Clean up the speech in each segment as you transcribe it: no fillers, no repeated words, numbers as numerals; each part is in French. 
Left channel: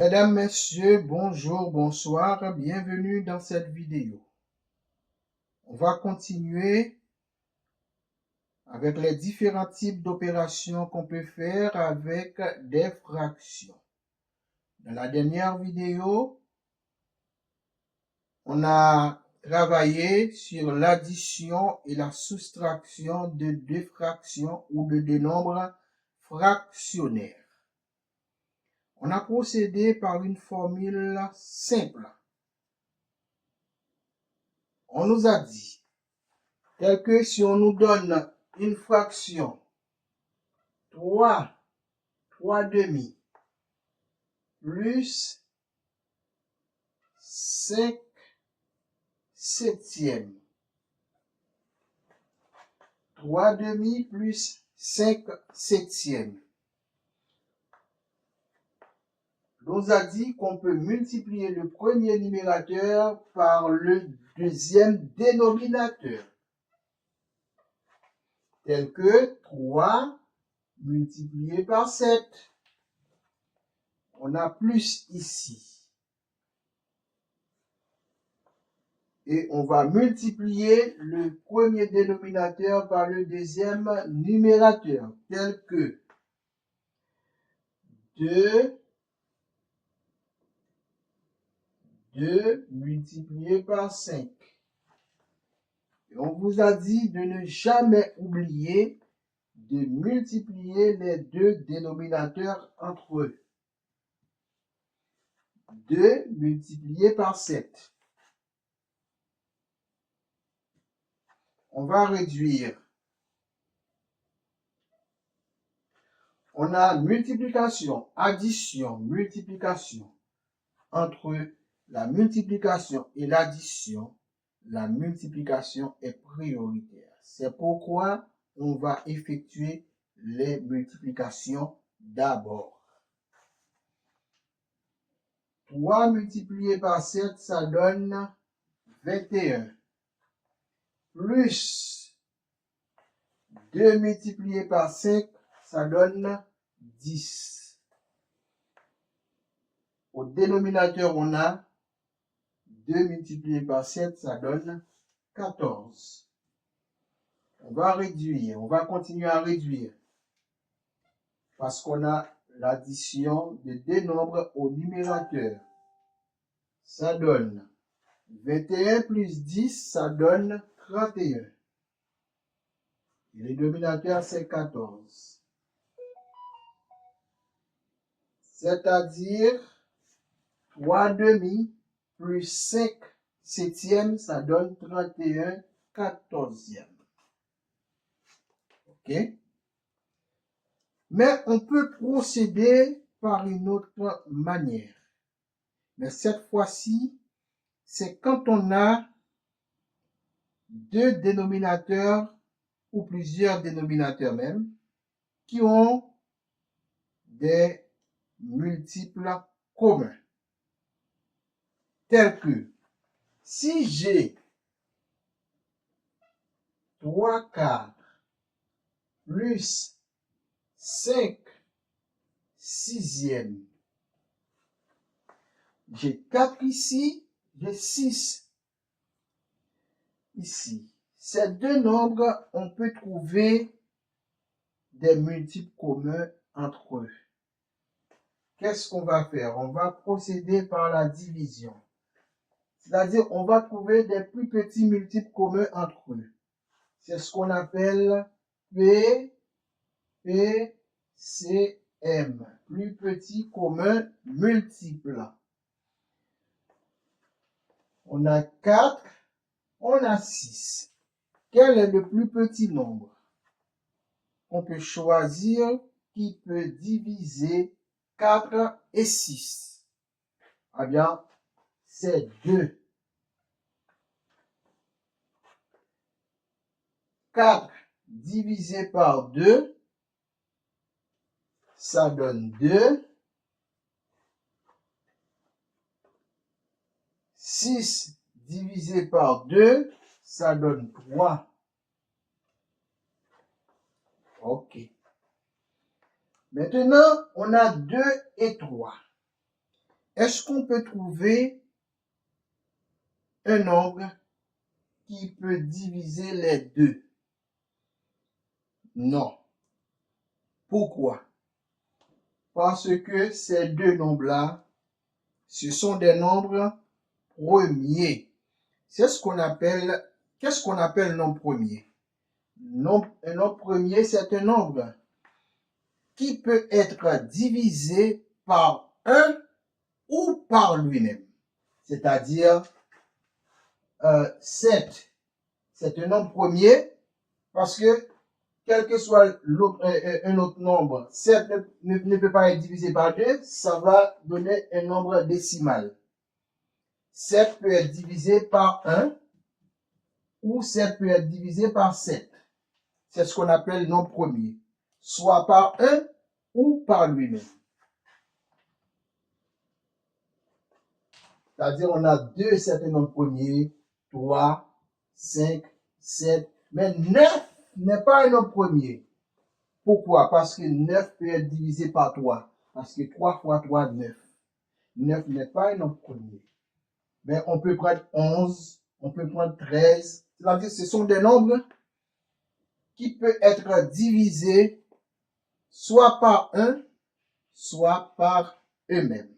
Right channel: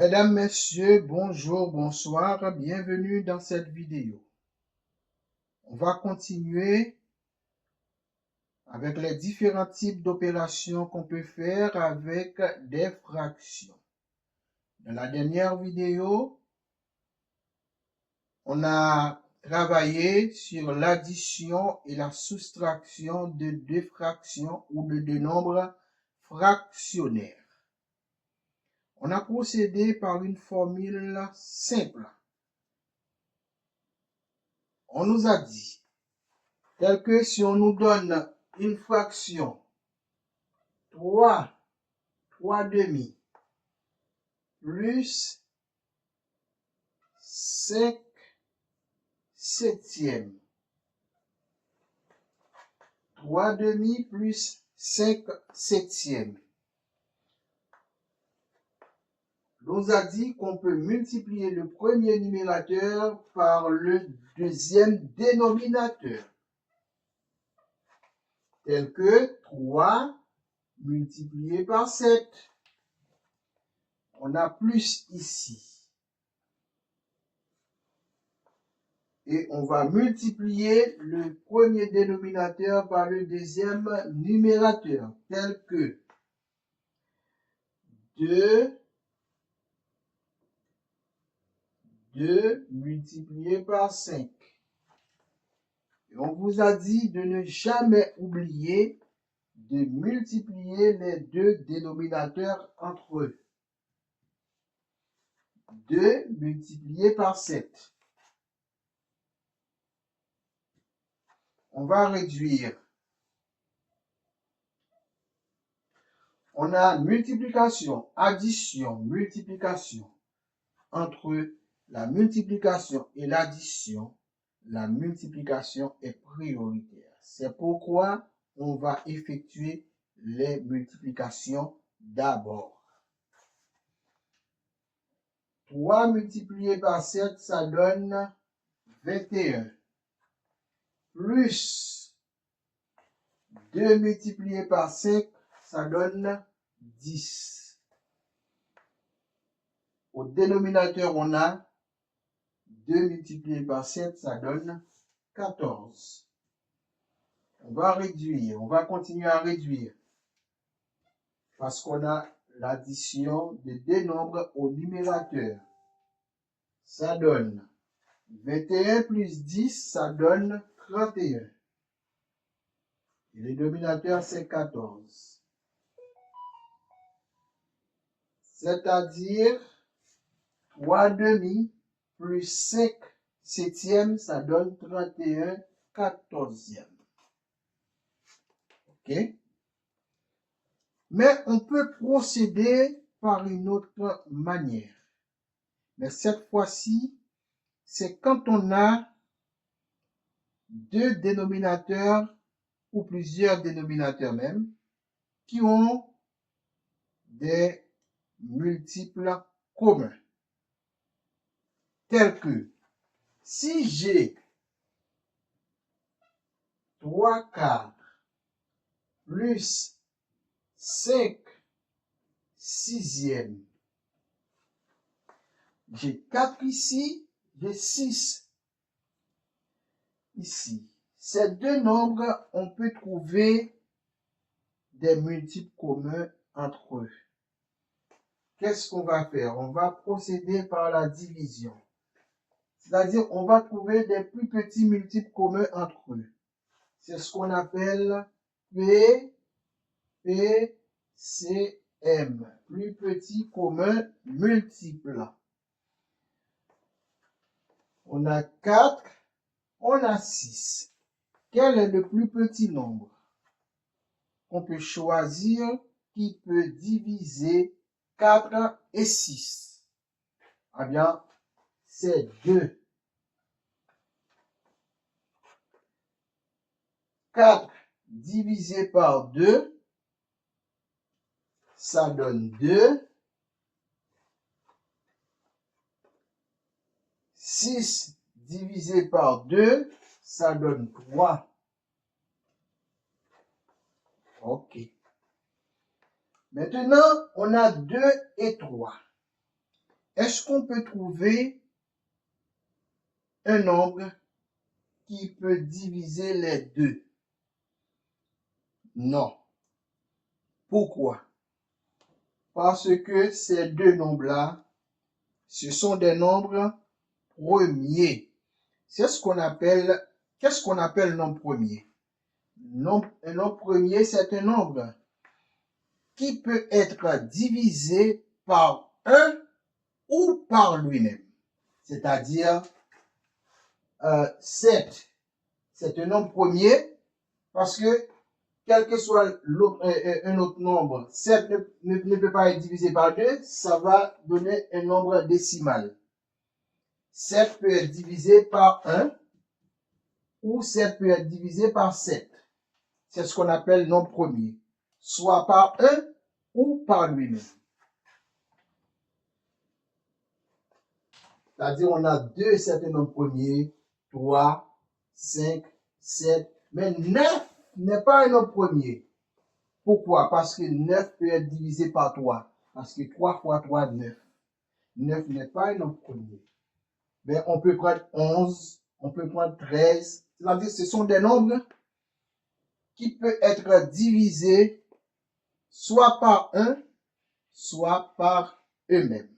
Mesdames, Messieurs, bonjour, bonsoir, bienvenue dans cette vidéo. On va continuer avec les différents types d'opérations qu'on peut faire avec des fractions. Dans la dernière vidéo, on a travaillé sur l'addition et la soustraction de deux fractions ou de deux nombres fractionnaires. On a procédé par une formule simple. On nous a dit, tel que si on nous donne une fraction 3 demi plus 5 septièmes. 3 demi plus 5 septièmes. On nous a dit qu'on peut multiplier le premier numérateur par le deuxième dénominateur. Tel que 3 multiplié par 7. On a plus ici. Et on va multiplier le premier dénominateur par le deuxième numérateur, tel que 2 multiplié par 5. Et on vous a dit de ne jamais oublier de multiplier les deux dénominateurs entre eux. 2 multiplié par 7. On va réduire. On a multiplication, addition, multiplication. Entre la multiplication et l'addition, la multiplication est prioritaire. C'est pourquoi on va effectuer les multiplications d'abord. 3 multiplié par 7, ça donne 21. Plus 2 multiplié par 5, ça donne 10. Au dénominateur, on a 2 multiplié par 7, ça donne 14. On va réduire, on va continuer à réduire. Parce qu'on a l'addition de deux nombres au numérateur. Ça donne 21 plus 10, ça donne 31. Et le dénominateur, c'est 14. C'est-à-dire 3 demi plus 5 septièmes, ça donne 31 quatorzièmes. OK? Mais on peut procéder par une autre manière. Mais cette fois-ci, c'est quand on a deux dénominateurs ou plusieurs dénominateurs même qui ont des multiples communs. Tels que si j'ai 3 quarts plus 5 sixièmes, j'ai 4 ici, j'ai 6 ici. Ces deux nombres, on peut trouver des multiples communs entre eux. Qu'est-ce qu'on va faire? On va procéder par la division. C'est-à-dire, on va trouver des plus petits multiples communs entre eux. C'est ce qu'on appelle P, C, M. Plus petit commun multiple. On a 4, on a 6. Quel est le plus petit nombre? On peut choisir qui peut diviser 4 et 6. Eh bien, c'est 2. 4 divisé par 2, ça donne 2. 6 divisé par 2, ça donne 3. OK. Maintenant, on a 2 et 3. est-ce qu'on peut trouver un nombre qui peut diviser les deux? Non. Pourquoi? Parce que ces deux nombres-là, ce sont des nombres premiers. Qu'est-ce qu'on appelle nombre premier? Un nombre premier, c'est un nombre qui peut être divisé par 1 ou par lui-même. C'est-à-dire, 7, c'est un nombre premier parce que, quel que soit un autre nombre, 7 ne peut pas être divisé par 2, ça va donner un nombre décimal. 7 peut être divisé par 1 ou 7 peut être divisé par 7. C'est ce qu'on appelle nombre premier, soit par 1 ou par lui-même. C'est-à-dire, on a deux certains nombres premiers, 3, 5, 7, mais 9 n'est pas un nombre premier. Pourquoi? Parce que 9 peut être divisé par 3. Parce que 3 fois 3, 9. 9 n'est pas un nombre premier. Mais on peut prendre 11, on peut prendre 13. C'est-à-dire, ce sont des nombres qui peuvent être divisés soit par 1, soit par eux-mêmes.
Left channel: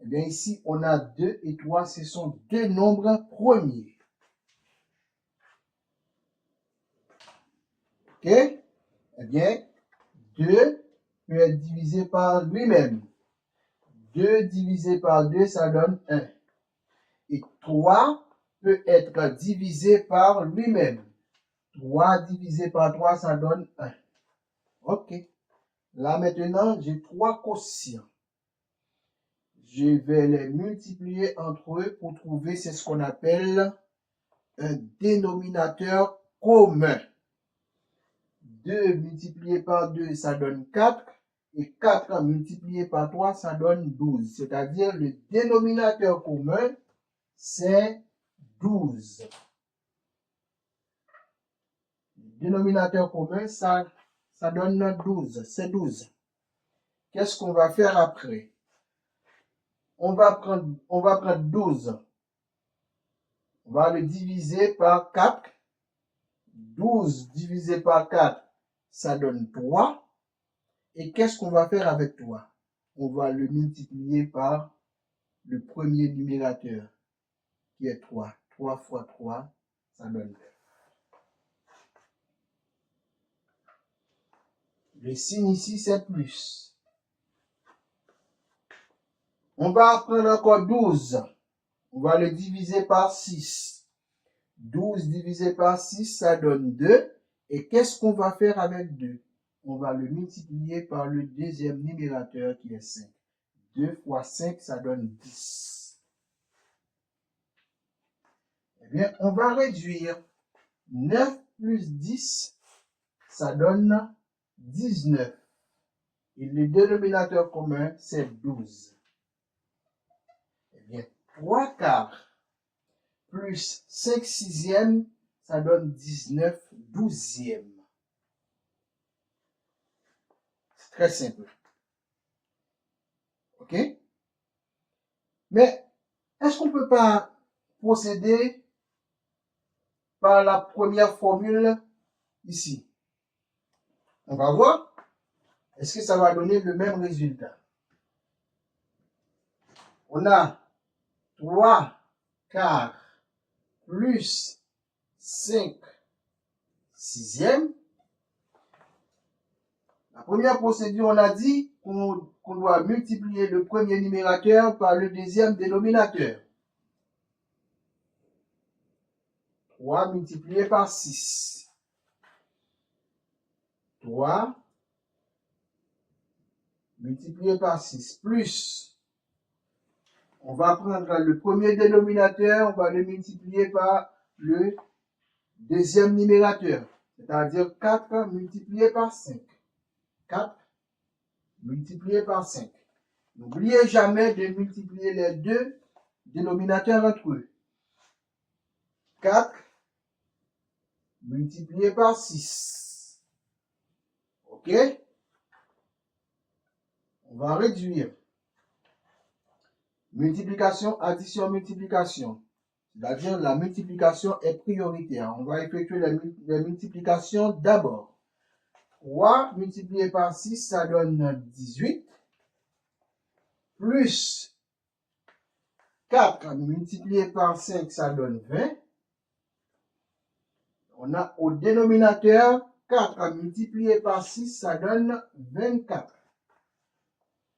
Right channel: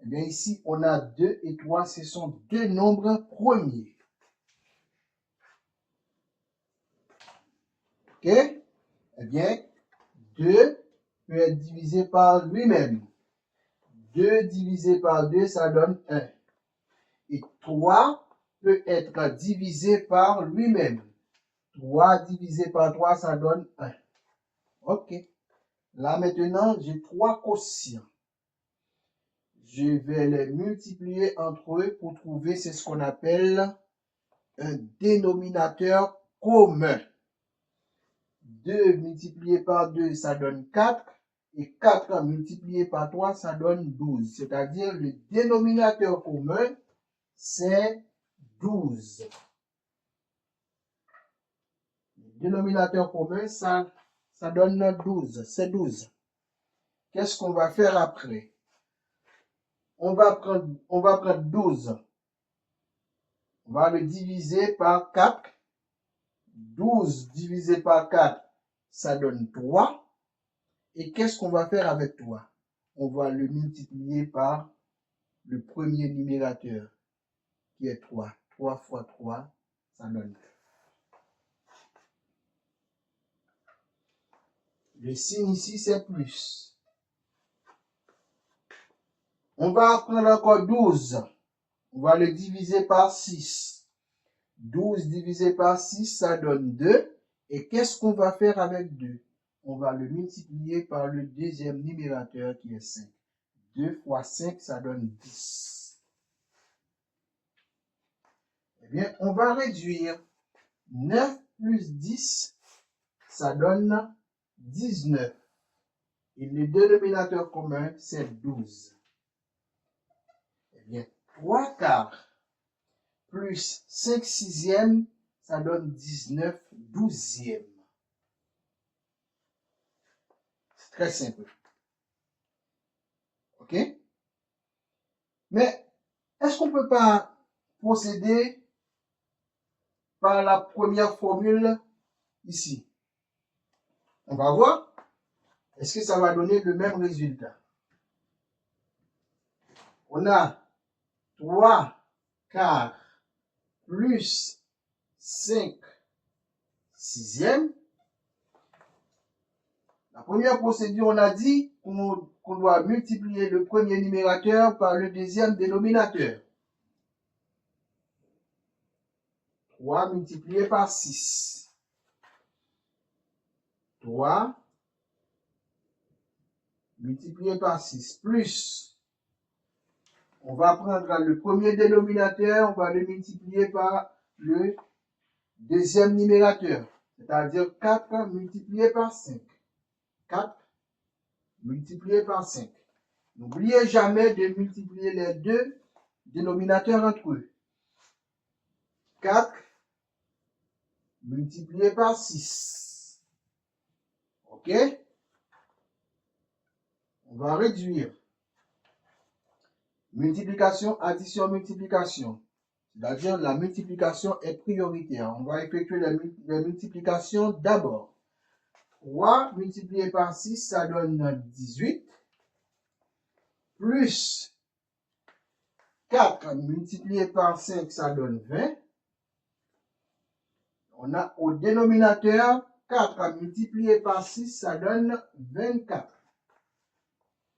Eh bien, ici, on a 2 et 3, ce sont deux nombres premiers. OK? Eh bien, 2 peut être divisé par lui-même. 2 divisé par 2, ça donne 1. Et 3 peut être divisé par lui-même. 3 divisé par 3, ça donne 1. OK. Là, maintenant, j'ai 3 quotients. Je vais les multiplier entre eux pour trouver ce qu'on appelle un dénominateur commun. 2 multiplié par 2, ça donne 4. Et 4 multiplié par 3, ça donne 12. C'est-à-dire le dénominateur commun, c'est 12. Le dénominateur commun, ça donne 12. C'est 12. Qu'est-ce qu'on va faire après? On va prendre 12. On va le diviser par 4. 12 divisé par 4, ça donne 3. Et qu'est-ce qu'on va faire avec 3? On va le multiplier par le premier numérateur, qui est 3. 3 fois 3, ça donne 9. Le signe ici, c'est plus. On va prendre encore 12. On va le diviser par 6. 12 divisé par 6, ça donne 2. Et qu'est-ce qu'on va faire avec 2? On va le multiplier par le deuxième numérateur qui est 5. 2 fois 5, ça donne 10. Eh bien, on va réduire. 9 plus 10, ça donne 19. Et le dénominateur commun, c'est 12. Eh bien, 3 quarts plus 5 sixièmes, ça donne 19 douzièmes. C'est très simple. OK? Mais, est-ce qu'on ne peut pas procéder par la première formule ici? On va voir. Est-ce que ça va donner le même résultat? On a 3 quarts plus 5 sixièmes. La première procédure, on a dit qu'on doit multiplier le premier numérateur par le deuxième dénominateur. 3 multiplié par 6. 3 multiplié par 6 plus, on va prendre le premier dénominateur, on va le multiplier par le deuxième numérateur, c'est-à-dire 4 multiplié par 5. 4 multiplié par 5. N'oubliez jamais de multiplier les deux dénominateurs entre eux. 4 multiplié par 6. OK? On va réduire. Multiplication, addition, multiplication. C'est-à-dire la multiplication est prioritaire. On va effectuer la multiplication d'abord. 3 multiplié par 6, ça donne 18. Plus 4 multiplié par 5, ça donne 20. On a au dénominateur 4 multiplié par 6, ça donne 24.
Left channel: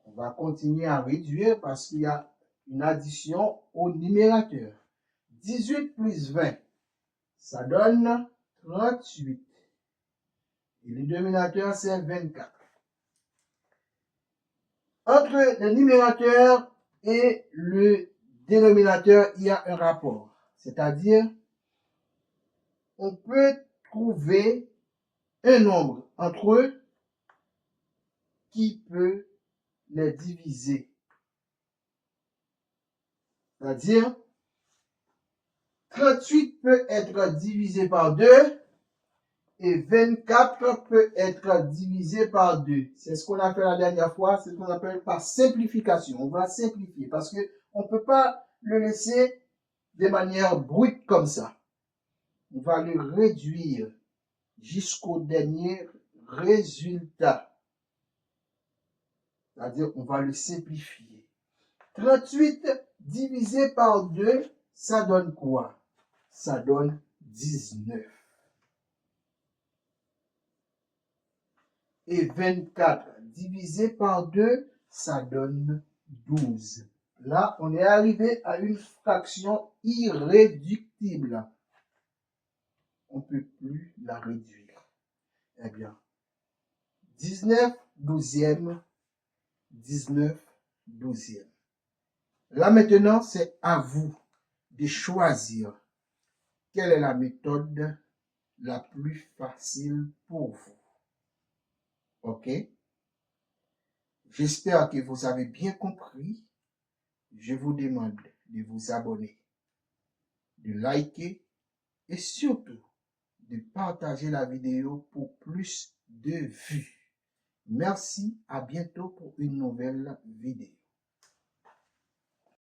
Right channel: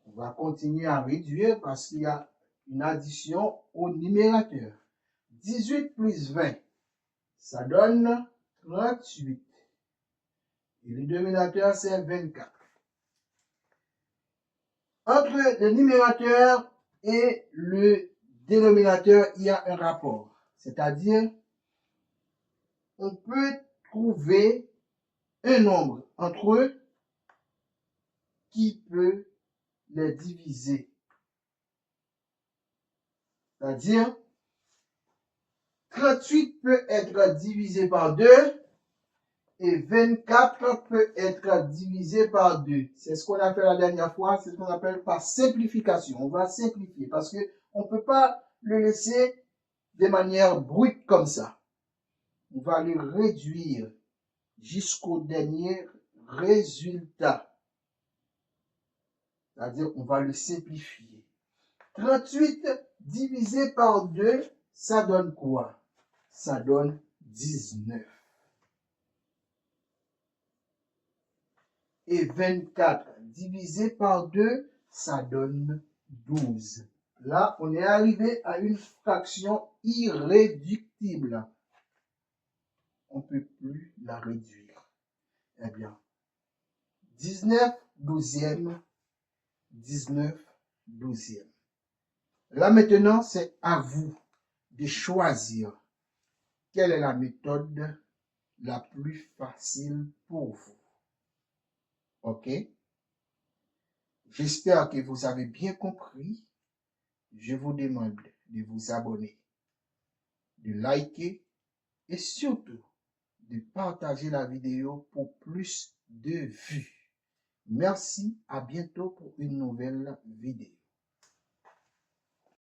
On va continuer à réduire parce qu'il y a une addition au numérateur. 18 plus 20, ça donne 38. Et le dénominateur, c'est 24. Entre le numérateur et le dénominateur, il y a un rapport. C'est-à-dire, on peut trouver un nombre entre eux qui peut les diviser. C'est-à-dire, 38 peut être divisé par 2 et 24 peut être divisé par 2. C'est ce qu'on a fait la dernière fois, c'est ce qu'on appelle par simplification. On va simplifier parce qu'on ne peut pas le laisser de manière brute comme ça. On va le réduire jusqu'au dernier résultat. C'est-à-dire qu'on va le simplifier. 38 divisé par 2, ça donne quoi? Ça donne 19. Et 24 divisé par 2, ça donne 12. Là, on est arrivé à une fraction irréductible. On ne peut plus la réduire. Eh bien, 19 douzièmes, 19 douzièmes. Là maintenant, c'est à vous de choisir quelle est la méthode la plus facile pour vous. OK? J'espère que vous avez bien compris. Je vous demande de vous abonner, de liker et surtout de partager la vidéo pour plus de vues. Merci, à bientôt pour une nouvelle vidéo.